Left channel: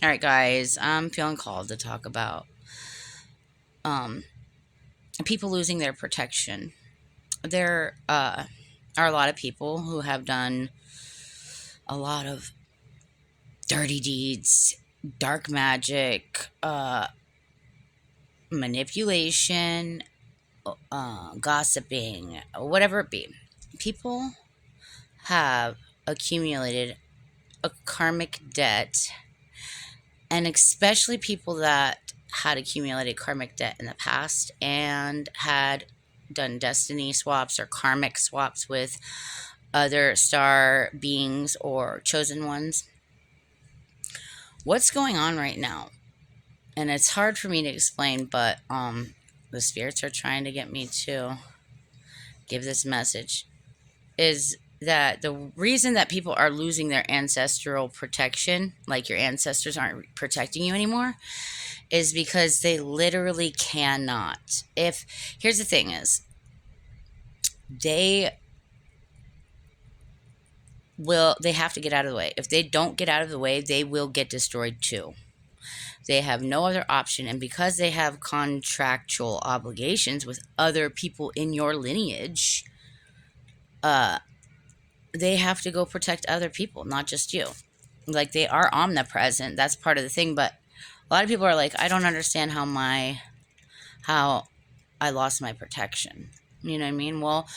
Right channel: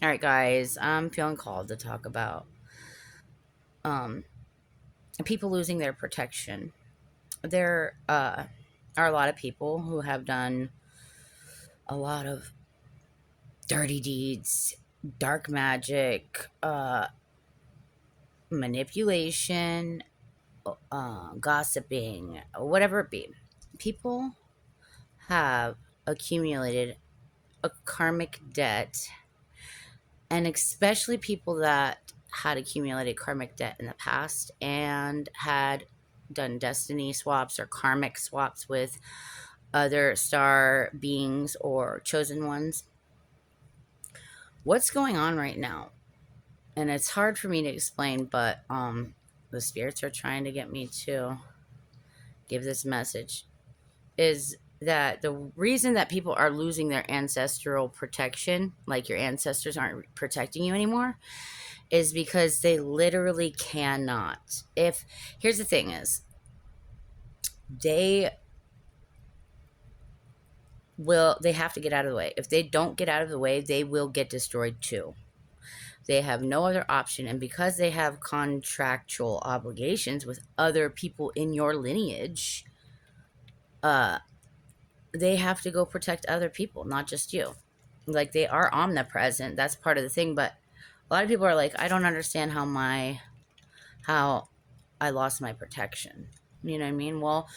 All right, guys, I'm feeling called to talk about um, people losing their protection. There are a lot of people who have done a lot of dirty deeds, dark magic, manipulation, gossiping, whatever it be. People have accumulated a karmic debt, and especially people that had accumulated karmic debt in the past and had done destiny swaps or karmic swaps with other star beings or chosen ones. What's going on right now? And it's hard for me to explain, but the spirits are trying to get me to give this message is that the reason that people are losing their ancestral protection, like your ancestors aren't protecting you anymore, is because they literally cannot. If here's the thing is they they have to get out of the way. If they don't get out of the way, they will get destroyed too. They have no other option, and because they have contractual obligations with other people in your lineage, uh they have to go protect other people, not just you. Like, they are omnipresent, that's part of the thing, but a lot of people are like, I don't understand how I lost my protection. You know what I mean? Well,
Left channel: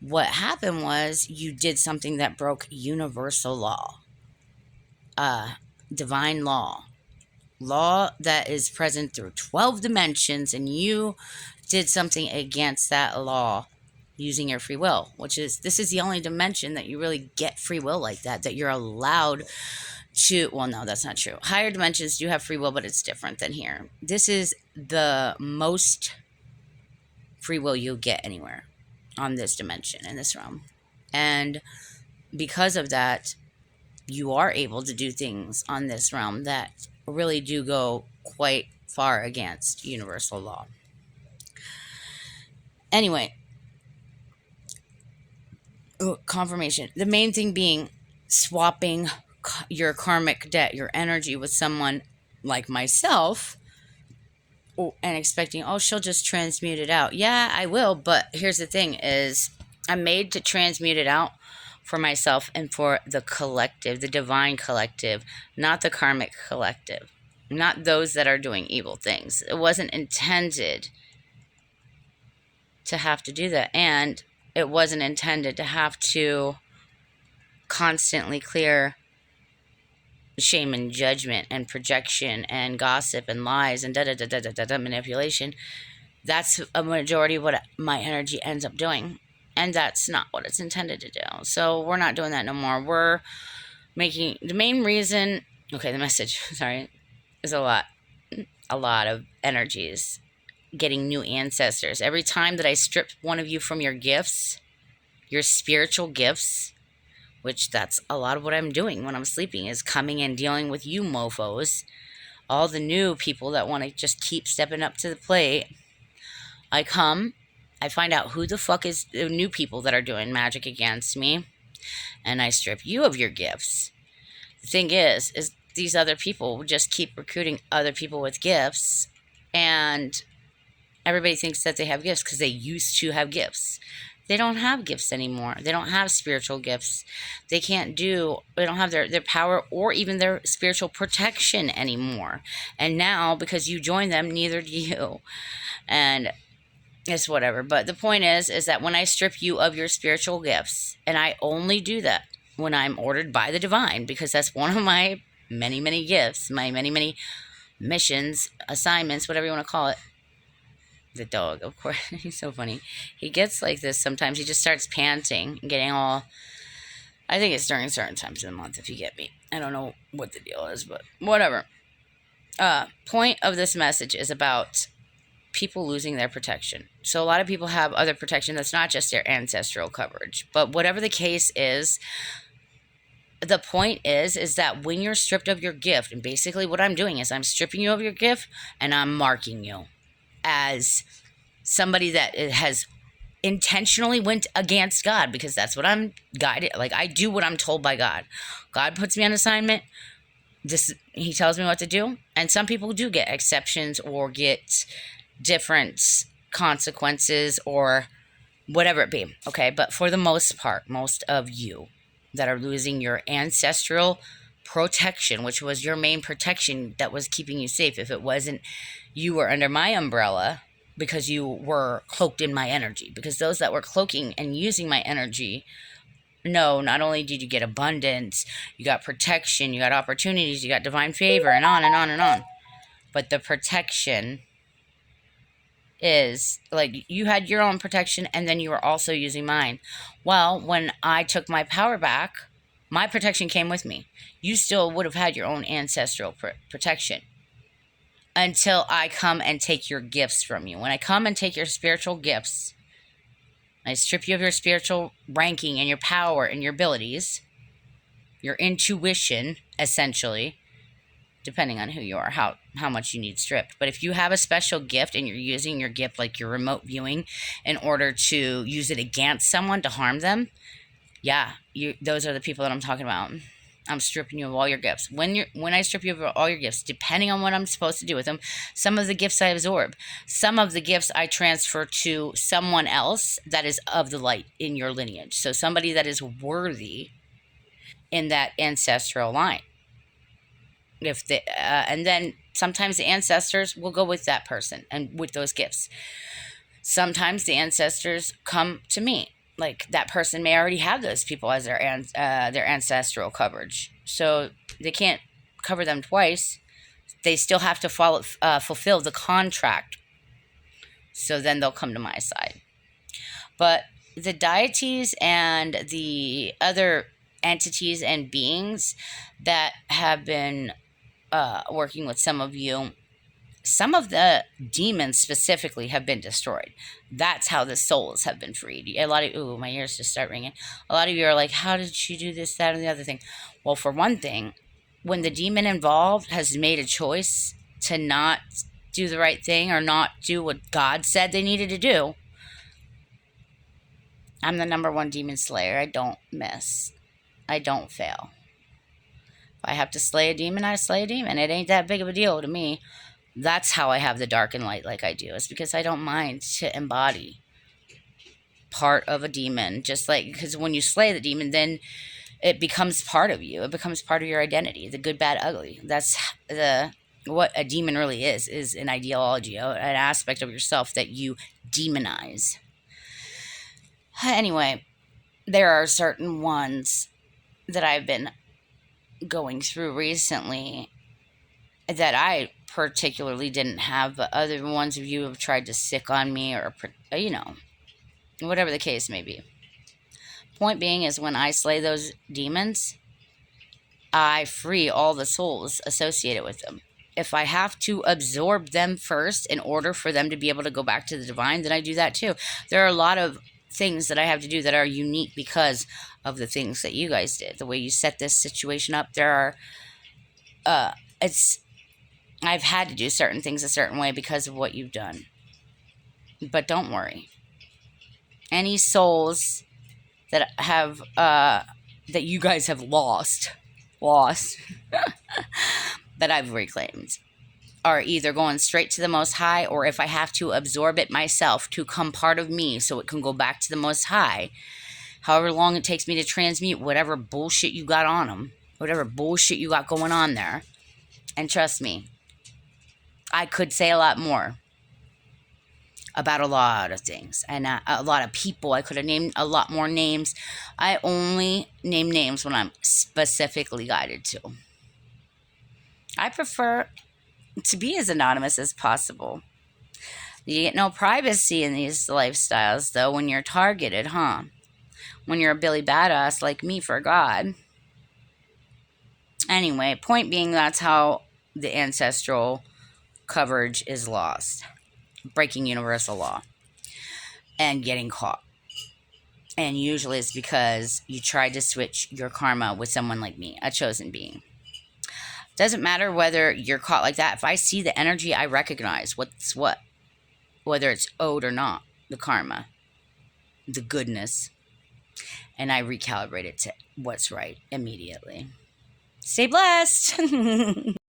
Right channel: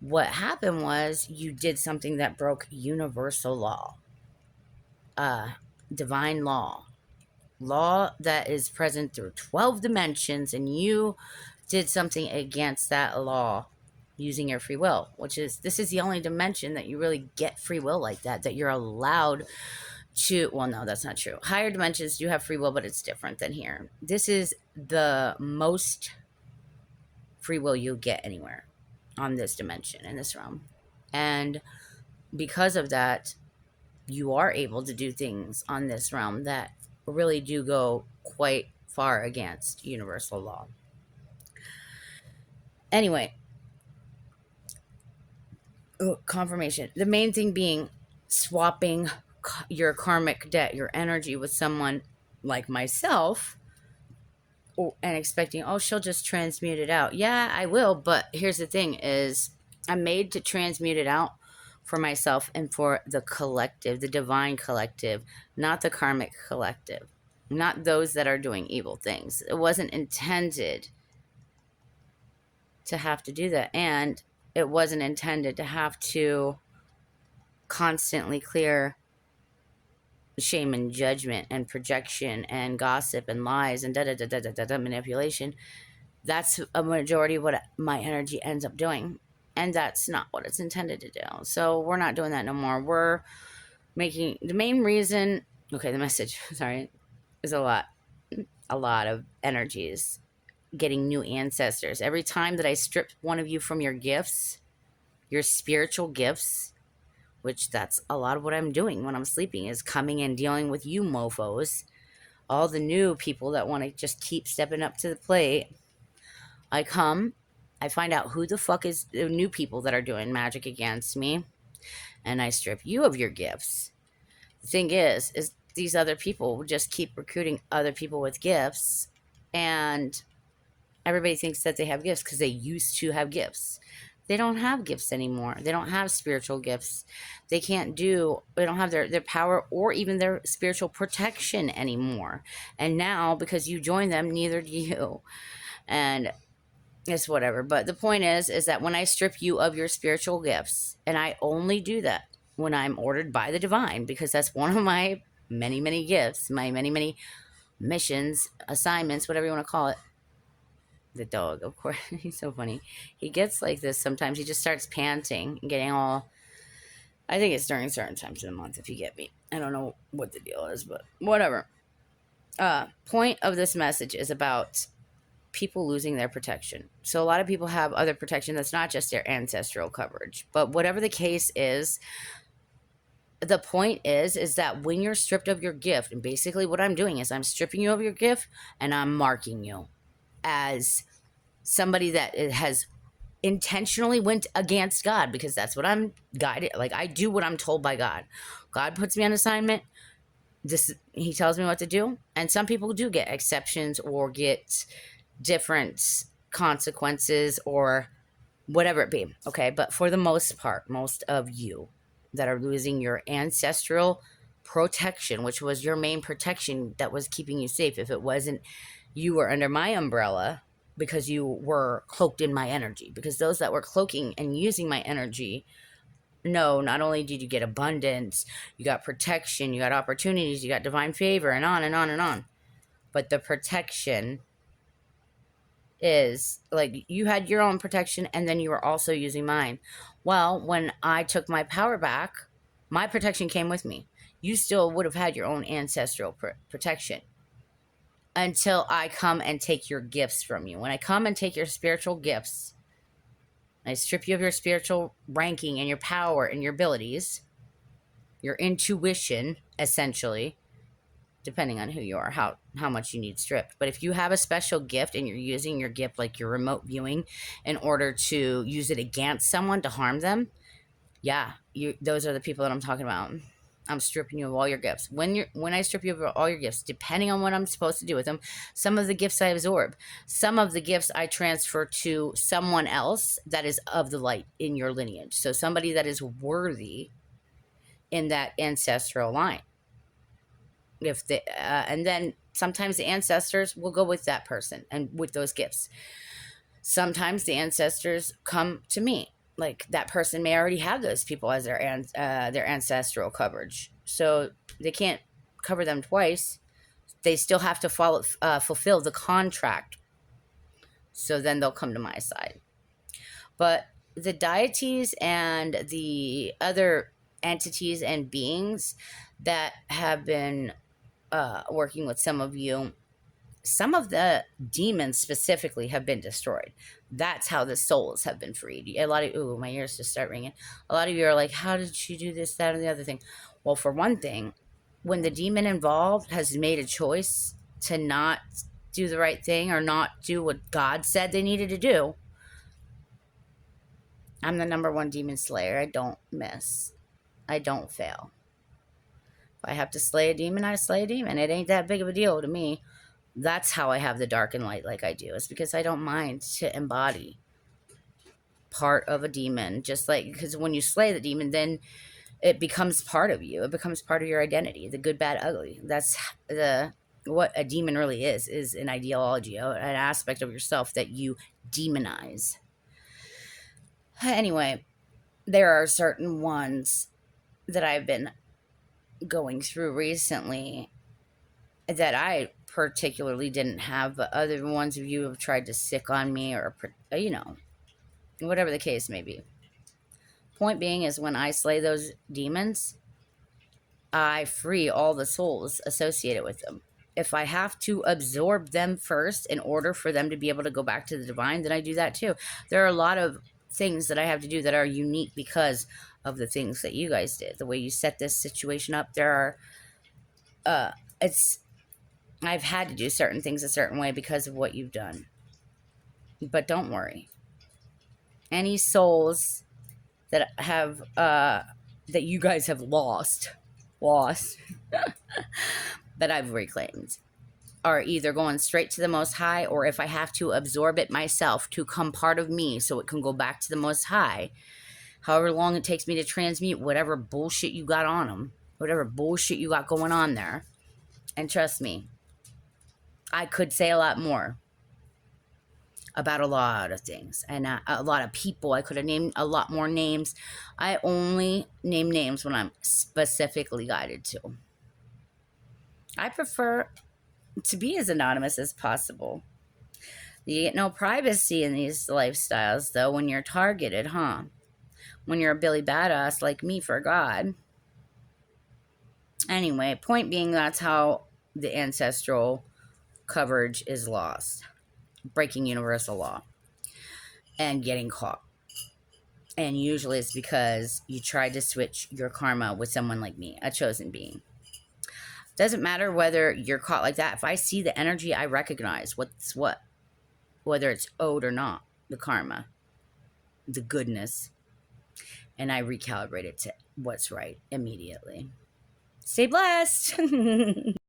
what happened was you did something that broke universal law, uh, divine law that is present through 12 dimensions, and you did something against that law using your free will, which is this is the only dimension that you really get free will like that you're allowed to. Well, no, that's not true. Higher dimensions do have free will, but it's different than here. This is the most free will you'll get anywhere on this dimension, in this realm. And because of that, you are able to do things on this realm that really do go quite far against universal law. Anyway, confirmation. The main thing being swapping your karmic debt, your energy with someone like myself, and expecting, oh, she'll just transmute it out. Yeah, I will, but here's the thing is I'm made to transmute it out for myself and for the collective, the divine collective, not the karmic collective, not those that are doing evil things. It wasn't intended to have to do that, and it wasn't intended to have to constantly clear shame and judgment and projection and gossip and lies and manipulation. That's a majority of what my energy ends up doing, and that's not what it's intended to do. So we're not doing that no more. We're making the main reason. Okay, the message, sorry, is a lot of energies getting new ancestors. Every time that I strip one of you from your gifts, your spiritual gifts, which that's a lot of what I'm doing when I'm sleeping, is coming and dealing with you mofos, all the new people that want to just keep stepping up to the plate. I come, I find out who the fuck is the new people that are doing magic against me, and I strip you of your gifts. The thing is these other people just keep recruiting other people with gifts, and everybody thinks that they have gifts because they used to have gifts. They don't have gifts anymore. They don't have spiritual gifts. They don't have their power or even their spiritual protection anymore. And now, because you joined them, neither do you. And it's whatever. But the point is that when I strip you of your spiritual gifts, and I only do that when I'm ordered by the divine, because that's one of my many, many gifts, my many, many missions, assignments, whatever you want to call it. The dog, of course. He's so funny. He gets like this sometimes. He just starts panting and getting all. I think it's during certain times of the month, if you get me. I don't know what the deal is, but whatever. Point of this message is about people losing their protection. So a lot of people have other protection that's not just their ancestral coverage. But whatever the case is, the point is that when you're stripped of your gift, and basically what I'm doing is I'm stripping you of your gift and I'm marking you as somebody that has intentionally went against God, because that's what I'm guided. Like, I do what I'm told by God. God puts me on assignment. he tells me what to do, and some people do get exceptions or get different consequences or whatever it be. Okay, but for the most part, most of you that are losing your ancestral protection, which was your main protection that was keeping you safe, if it wasn't, you were under my umbrella because you were cloaked in my energy. Because those that were cloaking and using my energy, no, not only did you get abundance, you got protection, you got opportunities, you got divine favor, and on and on and on. But the protection is like you had your own protection and then you were also using mine. Well, when I took my power back, my protection came with me. You still would have had your own ancestral protection until I come and take your gifts from you. When I come and take your spiritual gifts, I strip you of your spiritual ranking and your power and your abilities, your intuition, essentially, depending on who you are, how much you need stripped. But if you have a special gift and you're using your gift like your remote viewing in order to use it against someone to harm them, yeah, those are the people that I'm talking about. I'm stripping you of all your gifts. When I strip you of all your gifts, depending on what I'm supposed to do with them, some of the gifts I absorb, some of the gifts I transfer to someone else that is of the light in your lineage. So somebody that is worthy in that ancestral line. If the and then sometimes the ancestors will go with that person and with those gifts. Sometimes the ancestors come to me. Like that person may already have those people as their ancestral coverage, so they can't cover them twice. They still have to fulfill the contract. So then they'll come to my side. But the deities and the other entities and beings that have been working with some of you, some of the demons specifically have been destroyed. That's how the souls have been freed. A lot of, ooh, my ears just start ringing. A lot of you are like, how did she do this, that, or the other thing? Well, for one thing, when the demon involved has made a choice to not do the right thing or not do what God said they needed to do, I'm the number one demon slayer. I don't miss. I don't fail. If I have to slay a demon, I slay a demon. It ain't that big of a deal to me. That's how I have the dark and light like I do. It's because I don't mind to embody part of a demon. Just like, because when you slay the demon, then it becomes part of you. It becomes part of your identity. The good, bad, ugly. That's what a demon really is an ideology, an aspect of yourself that you demonize. Anyway, there are certain ones that I've been going through recently that I particularly didn't have, but other ones of you have tried to sick on me or, whatever the case may be. Point being is when I slay those demons, I free all the souls associated with them. If I have to absorb them first in order for them to be able to go back to the divine, then I do that too. There are a lot of things that I have to do that are unique because of the things that you guys did, the way you set this situation up. There are, I've had to do certain things a certain way because of what you've done. But don't worry. Any souls that have, that you guys have lost, that I've reclaimed, are either going straight to the Most High, or if I have to absorb it myself to come part of me so it can go back to the Most High, however long it takes me to transmute whatever bullshit you got on them, whatever bullshit you got going on there. And trust me, I could say a lot more about a lot of things and a lot of people. I could have named a lot more names. I only name names when I'm specifically guided to. I prefer to be as anonymous as possible. You get no privacy in these lifestyles, though, when you're targeted, huh? When you're a Billy Badass like me, for God. Anyway, point being, that's how the ancestral coverage is lost. Breaking universal law. And getting caught. And usually it's because you tried to switch your karma with someone like me, a chosen being. Doesn't matter whether you're caught like that. If I see the energy, I recognize what's what. Whether it's owed or not. The karma. The goodness. And I recalibrate it to what's right immediately. Stay blessed.